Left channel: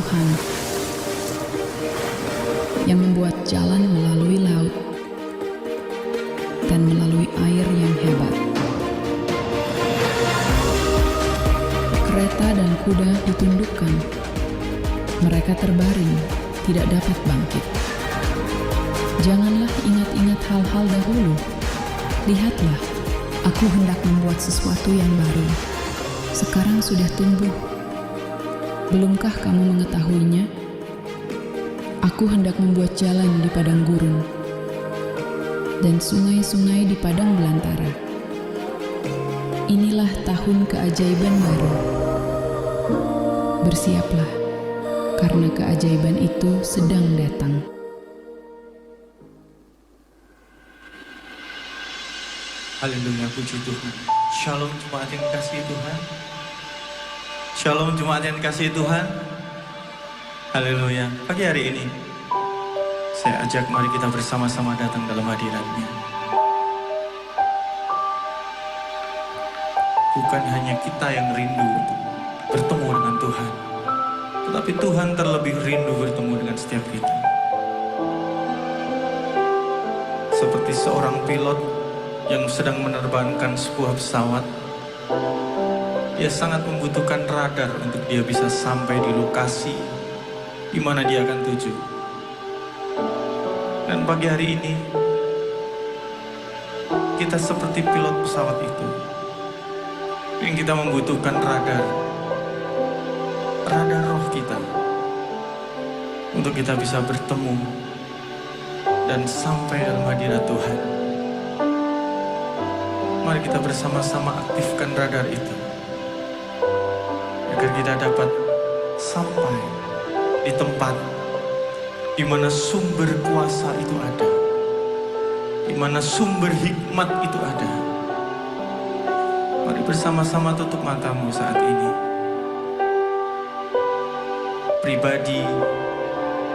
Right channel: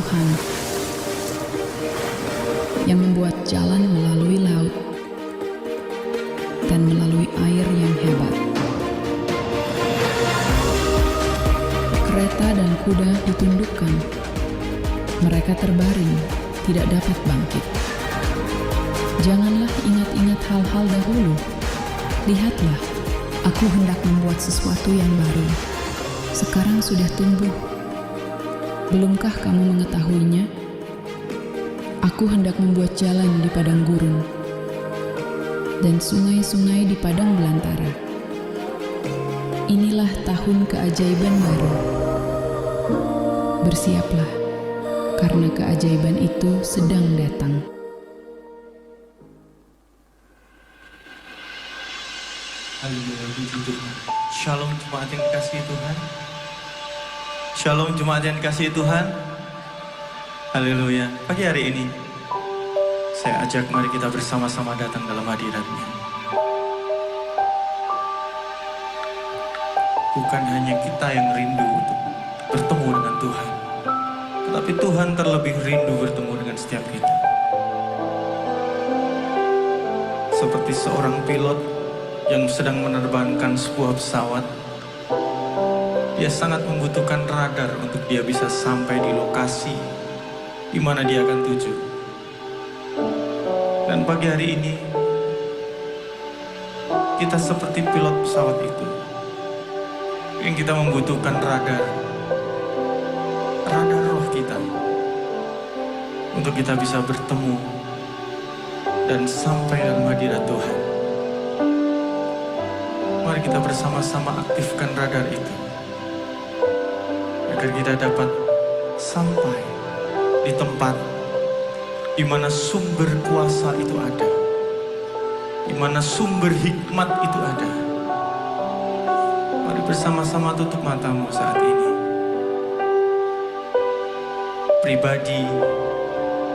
Tuhan yang membuat jalan melalui laut dan melalui air yang hebat. Kereta dan kuda ditundukkan, mereka terbaring, tidak dapat bangkit. Janganlah ingat-ingat hal-hal dahulu. Lihatlah, aku hendak membuat sesuatu yang baru. Sekarang sudah tumbuh. Belumkah kamu mengetahuinya? Aku hendak membuat jalan di padang gurun dan sungai-sungai di padang belantara. Inilah tahun keajaiban baru. Bersiaplah, karena keajaiban itu sedang datang. Haleluya, puji Tuhan. Shalom jemaat yang dikasihi Tuhan. Shalom jemaat yang dikasihi Tuhan. Haleluya. Pagi hari ini, saya ajak mari kita bersama-sama datang dalam hadirat-Nya. Bukan hanya kita yang rindu untuk bertemu dengan Tuhan, tetapi Tuhan terlebih rindu bertemu dengan setiap kita. Seperti seorang pilot yang sedang menerbangkan sebuah pesawat, dia sangat membutuhkan radar untuk dia bisa sampai di lokasi di mana dia akan tuju. Dan pagi hari ini, kita seperti pilot pesawat itu, yang kita membutuhkan radar roh kita, untuk kita bisa bertemu dan sampai dalam hadirat Tuhan. Mari kita bersama-sama aktifkan radar itu, agar kita dapat sampai di tempat di mana sumber kuasa itu ada, di mana sumber hikmat itu ada. Mari bersama-sama tutup matamu saat ini. Pribadi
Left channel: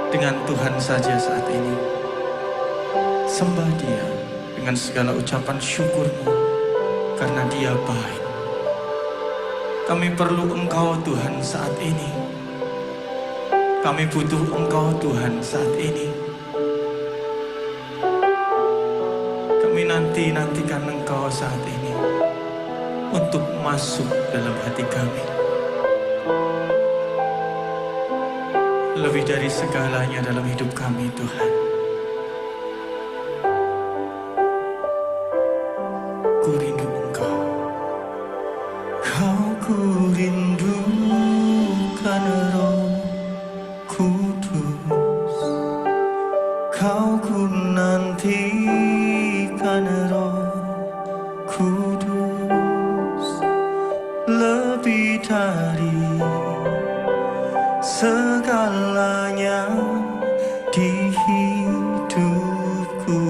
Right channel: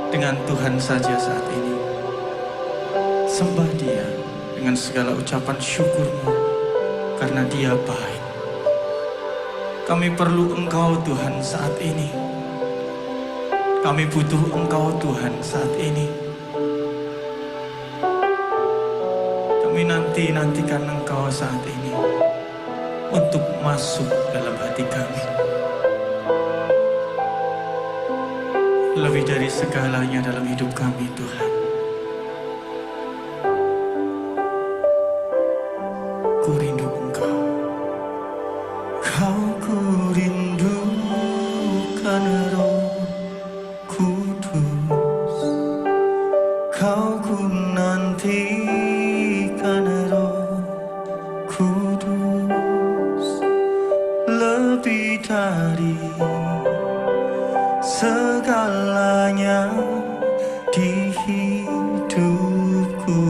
dengan Tuhan saja saat ini. Sembah Dia dengan segala ucapan syukurmu, karena Dia baik. Kami perlu Engkau Tuhan saat ini. Kami butuh Engkau Tuhan saat ini. Kami nantikan Engkau saat ini untuk masuk dalam hati kami. Lebih dari segalanya dalam hidup kami Tuhan. Ku rindu Engkau. Ku rindukan Roh Kudus. Ku nantikan Roh Kudus. Lebih dari segalanya di hidupku.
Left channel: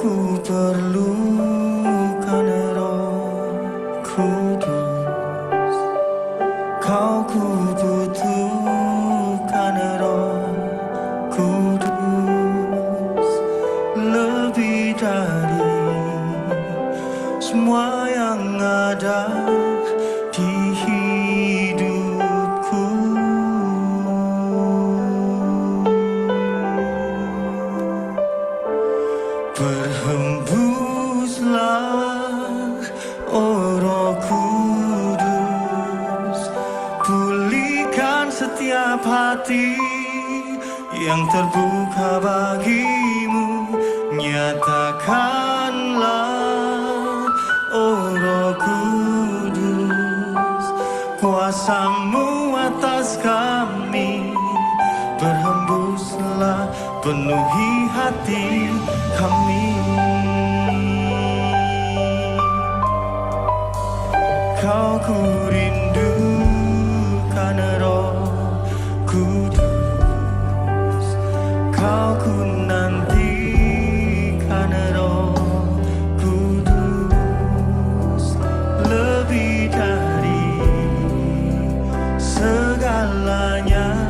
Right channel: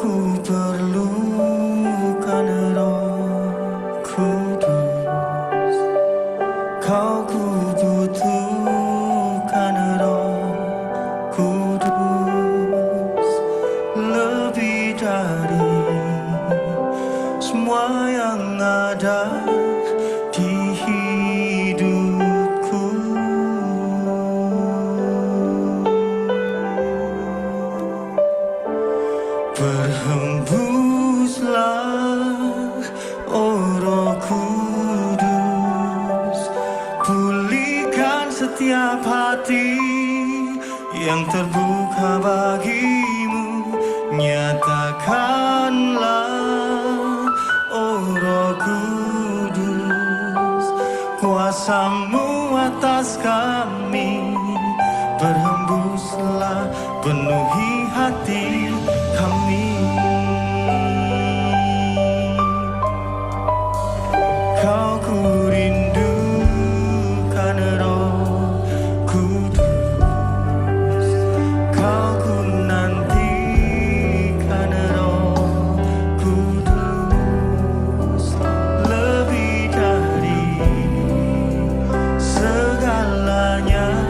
Ku perlukan Roh Kudus. Ku butuhkan Roh Kudus. Lebih dari semua yang ada di hidupku. Berhembuslah, oh Roh Kudus, pulihkan setiap hati yang terbuka bagimu. Nyatakanlah, oh Roh Kudus, kuasa-Mu atas kami. Berhembuslah, penuhi hati kami. Ku rindukan Roh Kudus. Ku nantikan Roh Kudus. Lebih dari segalanya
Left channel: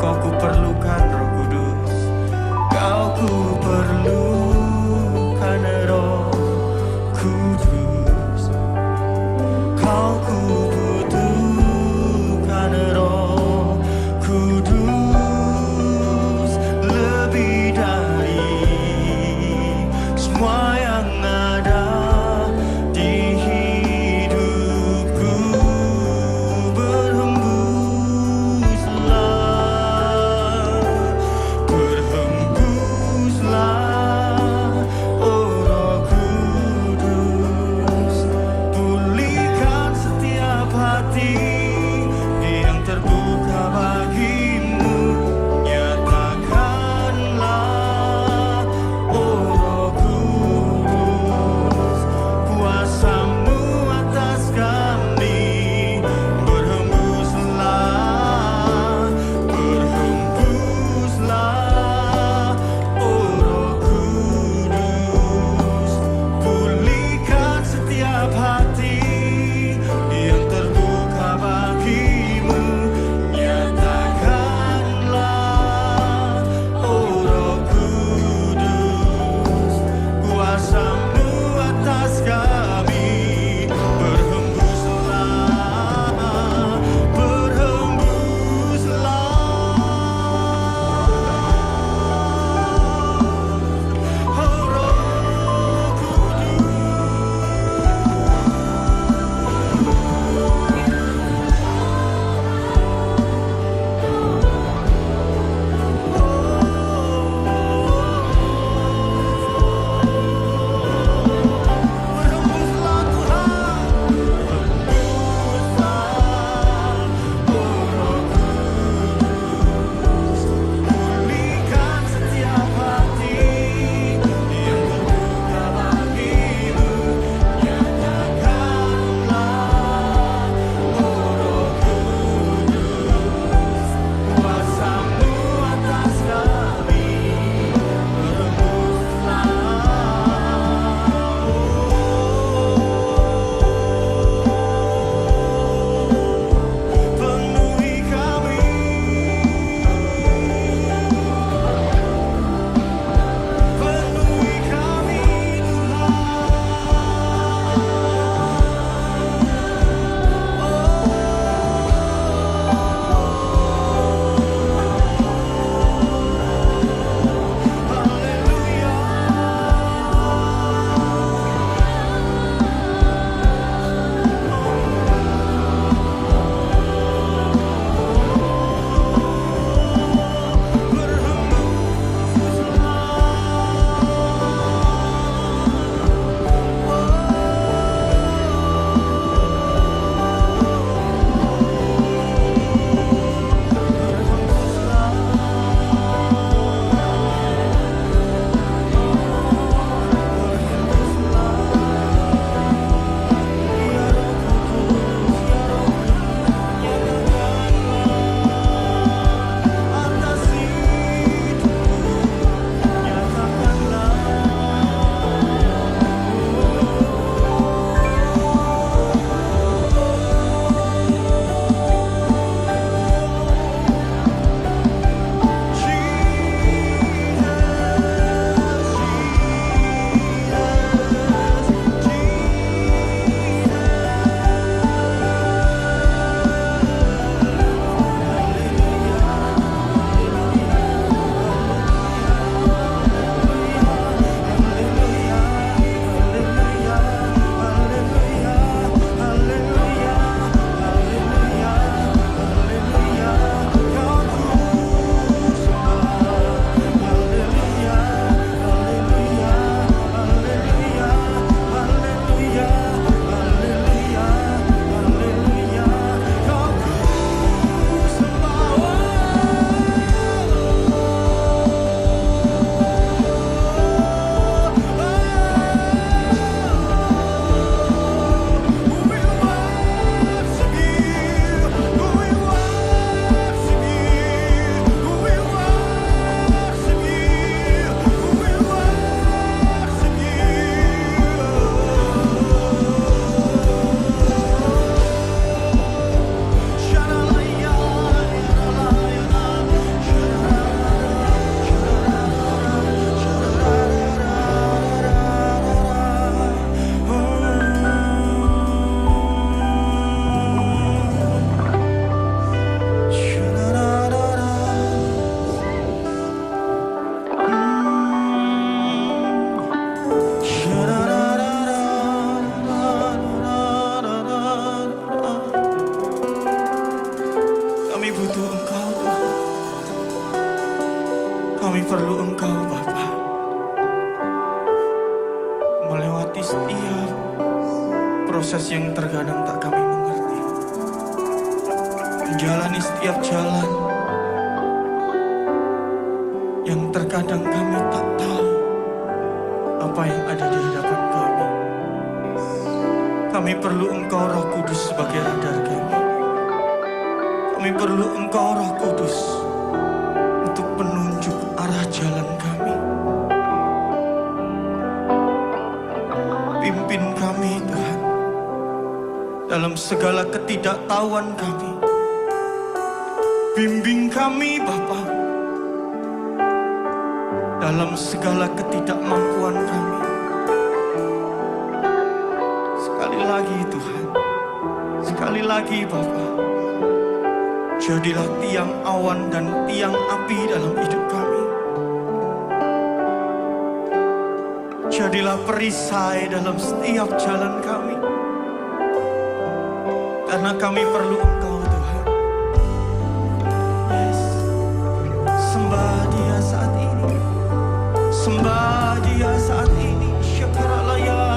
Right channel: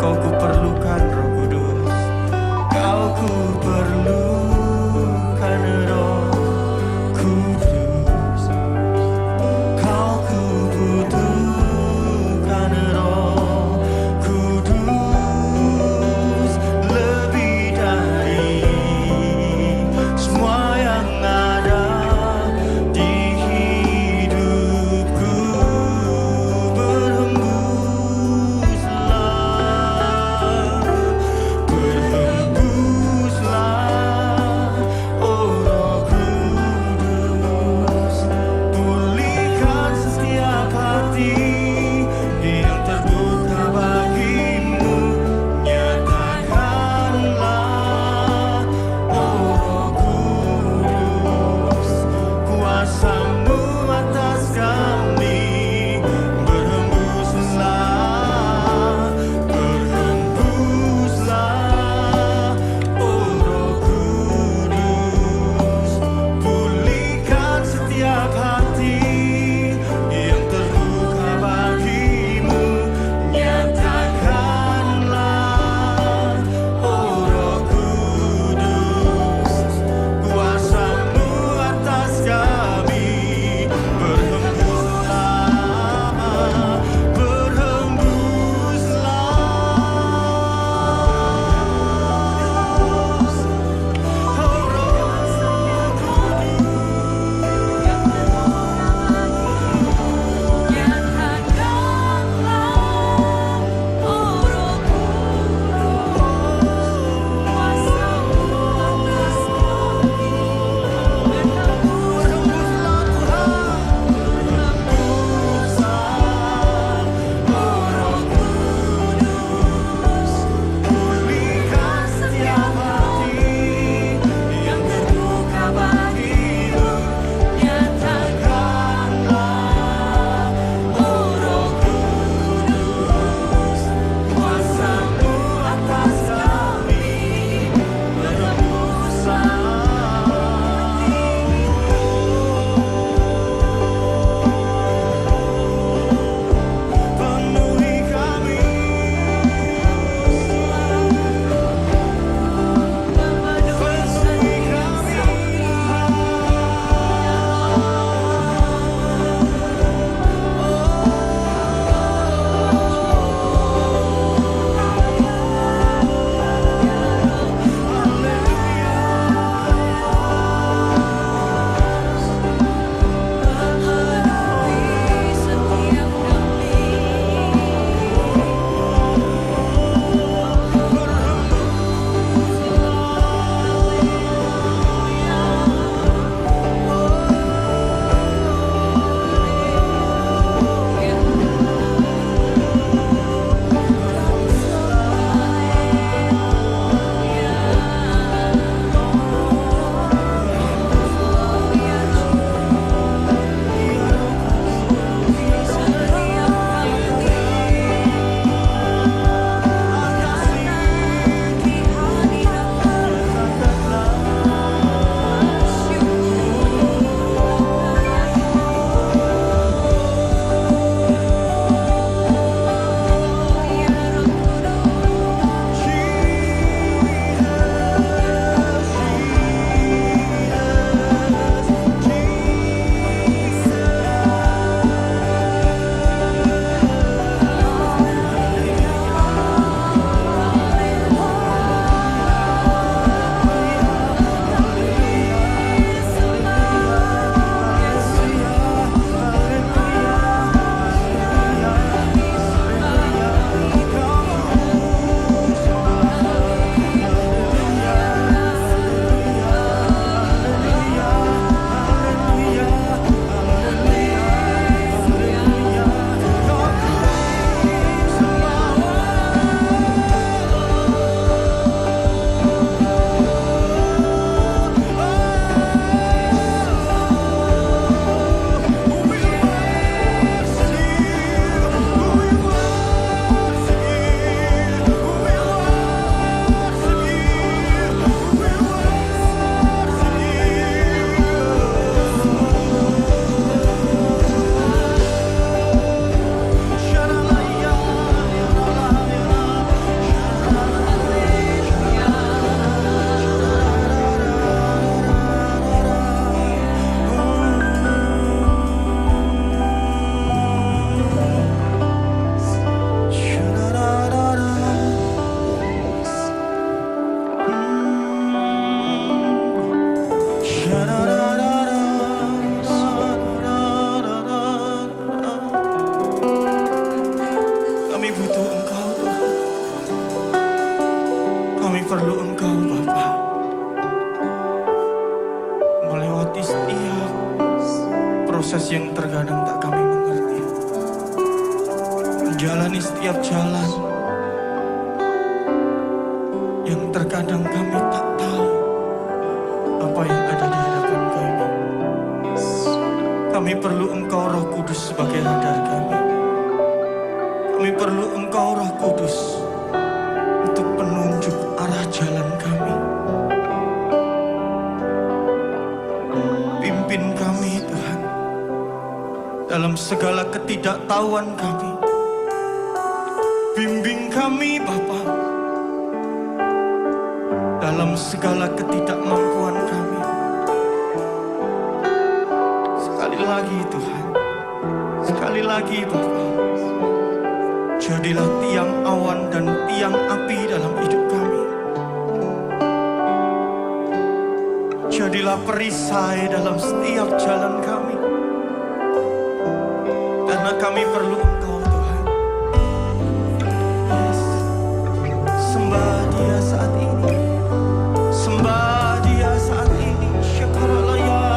Kau ku perlukan Roh Kudus. Kau Aku perlukan Roh Kudus, Kau ku butuhkan Roh Kudus, lebih dari semua yang ada di hidupku. Berhembuslah, berhembuslah, oh Roh Kudus, pulihkan setiap hati yang terbuka bagimu. Nyatakanlah, oh Roh Kudus, kuasa-Mu atas kami. Berhembuslah, berhembuslah, oh Roh Kudus, pulihkan setiap hati yang terbuka Kami butuh Engkau Tuhan. Kami perlu Engkau Bapa. Melewati setiap proses yang terkadang tak kami mengerti. Menjalani setiap jalan yang terkadang kami tak tahu apa yang ada di hadapan kami. Kami perlu Engkau Roh Kudus sebagai radar kami. Kami perlu Engkau Roh Kudus untuk penunjuk arah jalan kami. Pimpin kami Tuhan dalam segala ketidaktahuan kami. Bimbing kami Bapa dalam segala ketidakmampuan kami. Sekali lagi Tuhan, sekali lagi Bapa, jadilah tiang awan dan tiang api dalam hidup kami. Jadilah perisai dalam setiap jalan kami. Karena kami perlu Engkau Tuhan. Yes. Sembah Dia saat ini. Sembah Dia saat ini. Syakaralaya.